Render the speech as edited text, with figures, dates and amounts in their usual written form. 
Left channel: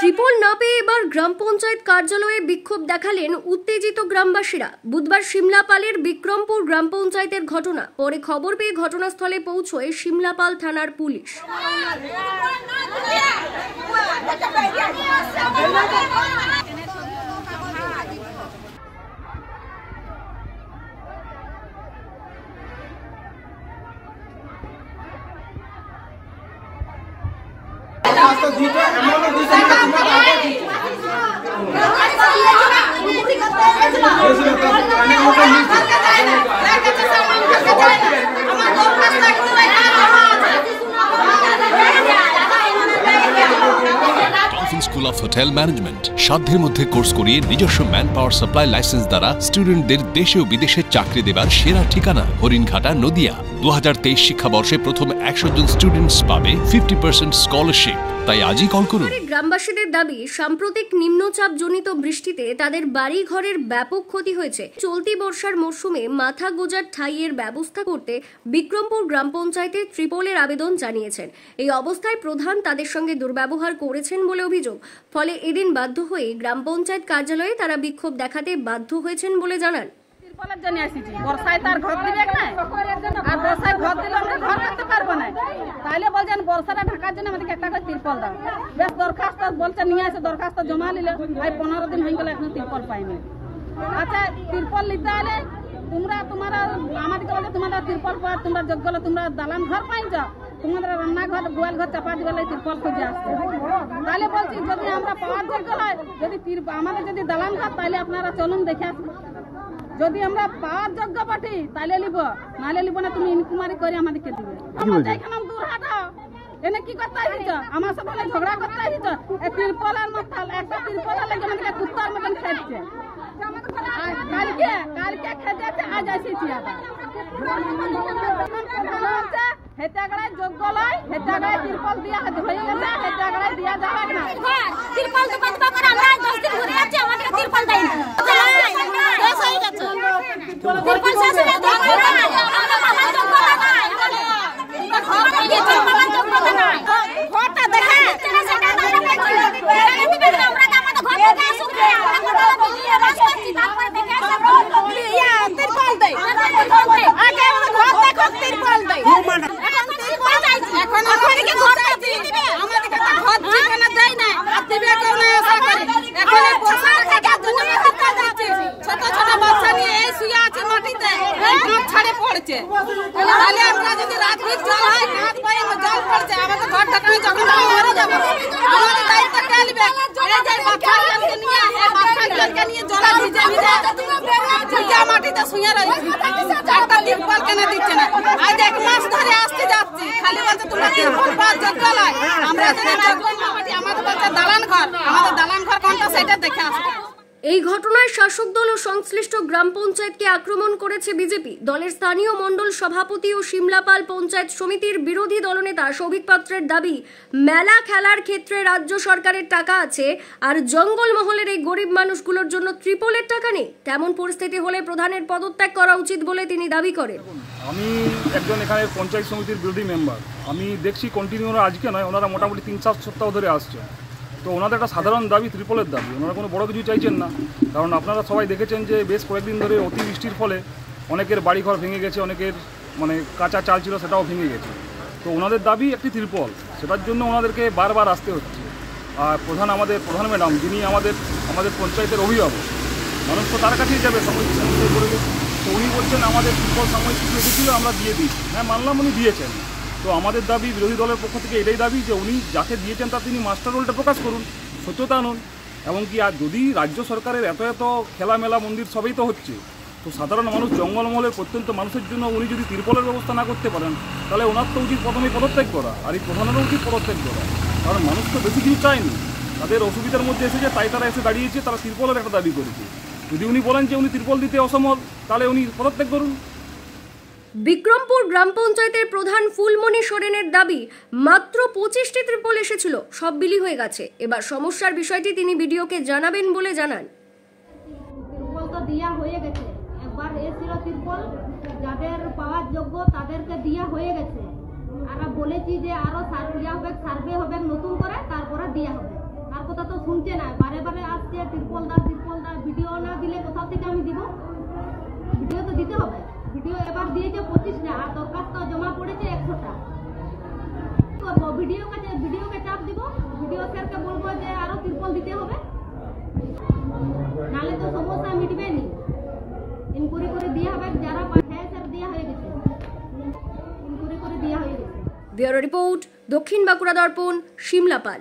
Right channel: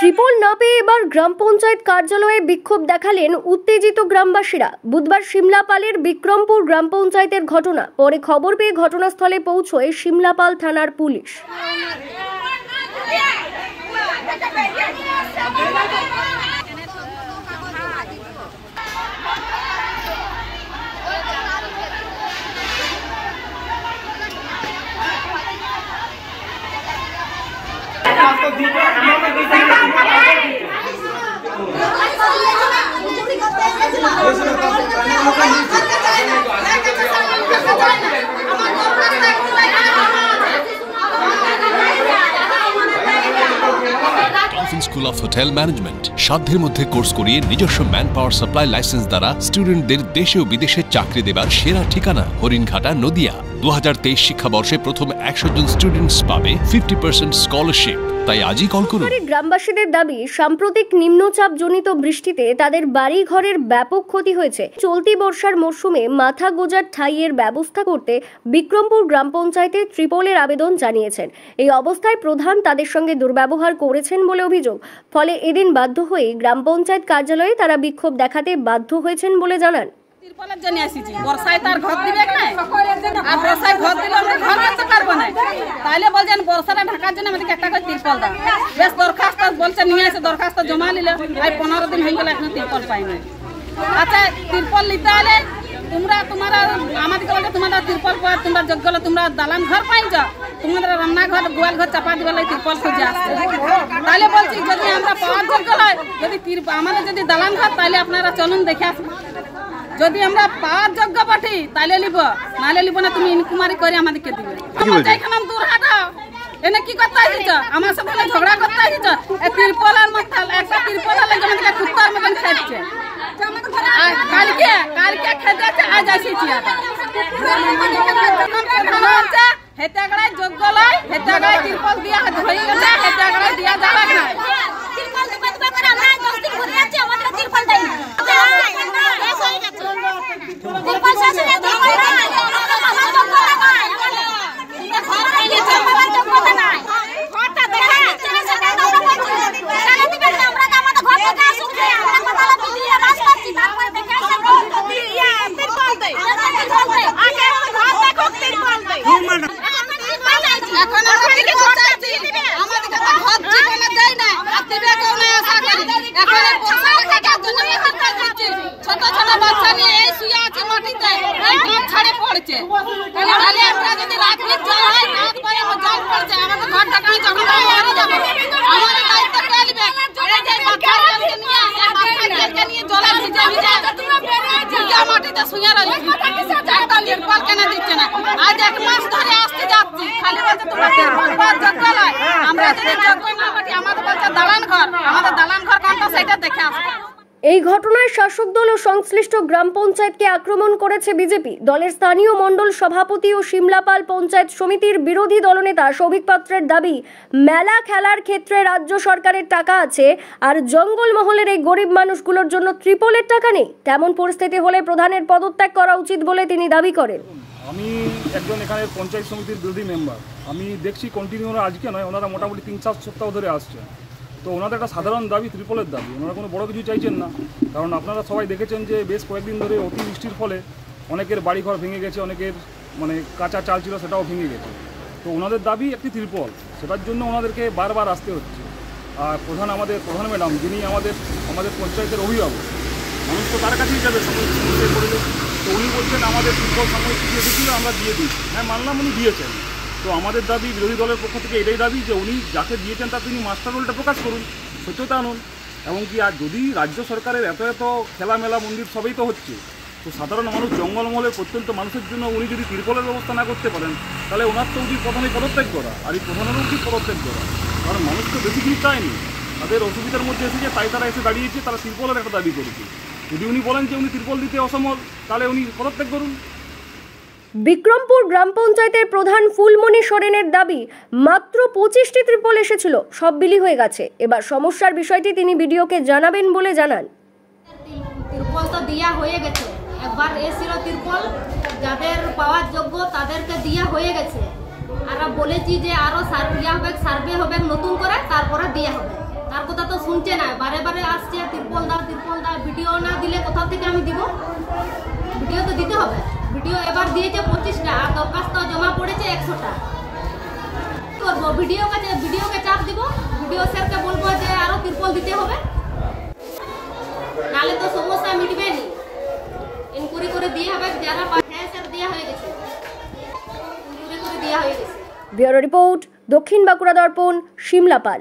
ত্রিপল না পেয়ে এবার গ্রাম পঞ্চায়েত কার্যালয়ে বিক্ষোভ দেখালেন উত্তেজিত গ্রামবাসীরা। বুধবার সিমলাপালের বিক্রমপুর গ্রাম পঞ্চায়েতের ঘটনা। পরে খবর পেয়ে ঘটনাস্থলে পৌঁছয় সিমলাপাল থানার police. Dolphin school of hotel management সাধ্যের মধ্যে কোর্স করিয়ে নিজস্ব ম্যান পাওয়ার সাপ্লাই লাইসেন্স দ্বারা স্টুডেন্টদের দেশে ও বিদেশে চাকরি দেবার সেরা ঠিকানা হরিণঘাটা নদিয়া। 2023 শিক্ষাবর্ষে প্রথম 100 জন স্টুডেন্টস পাবে 50% স্কলারশিপ। তাই আজই কল করুন। গ্রামবাসীদের দাবি, সাম্প্রতিক নিম্নচাপ জনিত বৃষ্টিতে তাদের বাড়ি ঘরের ব্যাপক ক্ষতি হয়েছে। চলতি বর্ষার মরশুমে মাথা গোজার ঠাঁইয়ের ব্যবস্থা করতে বিক্রমপুর গ্রাম পঞ্চায়েতে ত্রিপলের আবেদন জানিয়েছেন। এই অবস্থায় প্রধান তাদের সঙ্গে দুর্ব্যবহার করেছেন বলে অভিযোগ। ফলে এদিন বাধ্য হয়ে গ্রাম পঞ্চায়েত কার্যালয়ে তারা বিক্ষোভ দেখাতে বাধ্য হয়েছেন বলে জানান। তিরপলের জন্য আসিছি, বর্ষায় তার ঘর দিবে না, আর বর্ষায় ঘর দিলে আমরা ঘর করতে পারবো না। তাইলে বলছেন বর্ষাটা ঢাকার জন্য আমাদেরকে একটা করে তিরপল দাও। বেশ দরখাস্ত বলছে নিয়ে আসে, দরখাস্ত জমা নিলে আর 15 দিন হয়ে গেল এখনো তিরপল পাইনি। আচ্ছা, তিরপল নিতে হলে তোমরা আমাদেরকে বলছে তোমরা তিরপল পাওয়ার তোমরা যোগ্য হলে তোমরা দালান ঘর পাইছ, তোমাদের রান্নাঘর গোয়াল ঘর চাপা দিবে তিরপল খুঁজে আসছে। তাহলে বলছি যদি আমরা পাওয়ার যোগ্য হয়, যদি আমাদের যদি দালান ঘর, তাহলে আপনারা চলুন দেখে আসুন। যদি আমরা পাওয়ার যোগ্য পাঠি তাইলে লিব, নাহলে লিব না। তুমি ইনকুমারি করে আমাদেরকে দিবে। আমার যাইখানে দূর হাঁটাও, এনে কি করতে আসিছ? আমার সাথে ঝগড়া করতে আসিছ? তিরপলের মধ্যে একটা তিরপলের লাগে আমাদেরকে কুত্তার মতন খেয়েছে। কালকে খেতে আজ আসিছি। হেতে আগড়ায় যোগ্য লয়, হেতে আগড়ায় তিরপল দিয়া হয়ে গেছে, হেতে আগড়ায় দিয়া যাবে না। তিরপল তো কত করে আমরা 10 দিন ঘুরে যাচ্ছি, আমাদের তিরপল দেয় না। বেশ হয়ে গেছে তিরপল শেষ হয়ে গেছে। আমার যোগ্য নাই, এটা ঘর হয়ে গেছে, আমার যোগ্য নাই। ঘরটা দেখা সেটা আমরা দেখছি, এখানে দিবে না। আমরা আমাদের ঘর থেকে আসুন, আমরা কথা বলি রাজ করছি, তারপরে দেখে তিরপল দেয়। আগে আমরা ঘর দেখো, তিরপল দেয়। এখন আমরা কি করতে দিবে? আমাদের কাছে ঘর জীবনে দেয় না, আর দিবে কোন আশা করি। এখন বর্ষা থেকে দুনিয়া হাতটা দিচ্ছে, ছোট ছোট বাচ্চা নিয়ে এই শুয়ে আছে মাটিতে, এই ঘর ছাড়ে পড়ছে। তাহলে আমরা যদি রাত ভিত জল হয়, রাত পরে জল পড়ছে, আমাদের ঘরটা কেন যখন মারা যাবে? আমাদের দায়িত্ব কে নিবে? এই যে বাচ্চাকে নিয়ে এই বাচ্চাকে নিয়ে জলে ভিজে ভিজে মাটিতে শুয়ে রয়েছে, একটা তিরপল কেন দিচ্ছে না? আজ 1 মাস ধরে আসতে যাচ্ছি, খালি বলছে তোমরা তিরপল পাওয়ার যোগ্য নয়। আমরা যদি যোগ্য না পাটি, আমাদের বলছে দালান ঘর, আমাদের দালান ঘর কোনটা সেটা দেখে আসবে। এই ঘটনায় শাসক দল ও সংশ্লিষ্ট গ্রাম পঞ্চায়েতকে আক্রমণ করেছে বিজেপি। দলের স্থানীয় মণ্ডল সভাপতি ও সিমলাপাল পঞ্চায়েত সমিতির বিরোধী দলনেতা সৌভিক পাত্রের দাবি, মেলা খেলার ক্ষেত্রে রাজ্য সরকারের টাকা আছে, আর জঙ্গলমহলের এই গরিব মানুষগুলোর জন্য ত্রিপলের টাকা নেই। তেমন পরিস্থিতি হলে প্রধানের পদত্যাগ করা উচিত বলে তিনি দাবি করেন। আমি একজন এখানে পঞ্চায়েত সমিতির বিরোধী মেম্বার। আমি দেখছি কন্টিনিউ আজকে নয়, ওনারা মোটামুটি 3-4 সপ্তাহ ধরে আসছে। তো ওনাদের একটা সাধারণ দাবি ত্রিপলের দাবি, ওনারা কোনো বড় কিছু চাইছেন না। কারণ আপনারা সবাই দেখেছেন যে বেশ কয়েকদিন ধরে অতিবৃষ্টির ফলে অনেকের বাড়িঘর ভেঙে গেছে, অনেকের কাঁচা চাল ছিল সেটাও ভেঙে গেছে। তো ওনাদের দাবি একটি ত্রিপল, সেটার জন্য ওনাদেরকে বারবার আসতে হচ্ছে। আর আমাদের প্রধান ম্যাডাম, যিনি আমাদের পঞ্চায়েতের অভিভাবক, মানুষ তো তার কাছেই যাবে সমস্যা পরিবেশ। তো উনি বলছেন আমাদের ত্রিপল সাময়িক কিছু এসেছিল, আমরা দিয়ে দিচ্ছি। হ্যাঁ, মানলাম উনি দিয়েছেন। তো আমাদের দাবি, বিরোধী দলের পক্ষ থেকে এটাই দাবি যে উনি যাকে দিয়েছেন তার তিনি মাস্টার রোলটা প্রকাশ করুন, সত্যতা আনুন। এমনকি আর যদি রাজ্য সরকারের এত খেলামেলা মন্দির সবই তো হচ্ছে, তো সাধারণ মানুষ জঙ্গলমহলের প্রত্যন্ত মানুষের জন্য উনি যদি তিরপলের ব্যবস্থা না করতে পারেন, তাহলে ওনার তো উচিত প্রথমে পদত্যাগ করা, আর এই প্রধানেরও উচিত পদত্যাগ করা। কারণ মানুষ তো বেশি কিছু চায়নি, তাদের অসুবিধার মধ্যে এসেছে, তাই তারা এসে দাঁড়িয়েছে, তারা তিরপলের একটা দাবি করেছে। যদি উনি বলেন যে উনি তিরপল দিতে অসমর্থ, তাহলে উনি পদত্যাগ করুন। বিক্রমপুর গ্রাম পঞ্চায়েতের প্রধান ফুলমণি সোরেনের দাবি, মাত্র 25টি ত্রিপল এসেছিল, সব বিলি হয়ে গেছে। এবার সমস্যার বিষয়টি তিনি বিডিওকে জানাবেন বলে জানান। তিরপল তো দেওয়া হয়ে গেছে, একবার এসেছিল তিরপল, যাদের পাওয়ার যোগ্য তাদেরকে দেওয়া হয়ে গেছে। আর বলেছি যে আরো সার্ভে হবে নতুন করে, তারপরে দেওয়া হবে। তার কথা তো শুনছে না, বারে বারে আসছে তিরপল দাও। ভিডিও না দিলে কোথা থেকে আমি দিব? ভিডিও তো দিতে হবে। ভিডিও এবার দিয়েছে 25টা, আর দরখাস্ত জমা পড়েছে 100টা। করবো ভিডিওকে চাপ দিব, ভিডিও স্যারকে বলবো যে আরো তিরপল দিতে হবে, নালে তো সমস্যা মিটবে নি। ইনকুয়ারি করে দিয়ে হবে, যারা হ্যাঁ স্যার দেওয়া হয়ে গেছে, ইনকুয়ারি করে দেওয়া হয়ে গেছে। ব্যুরো রিপোর্ট, দক্ষিণ বাঁকুড়া দর্পণ, শিমলাপাল।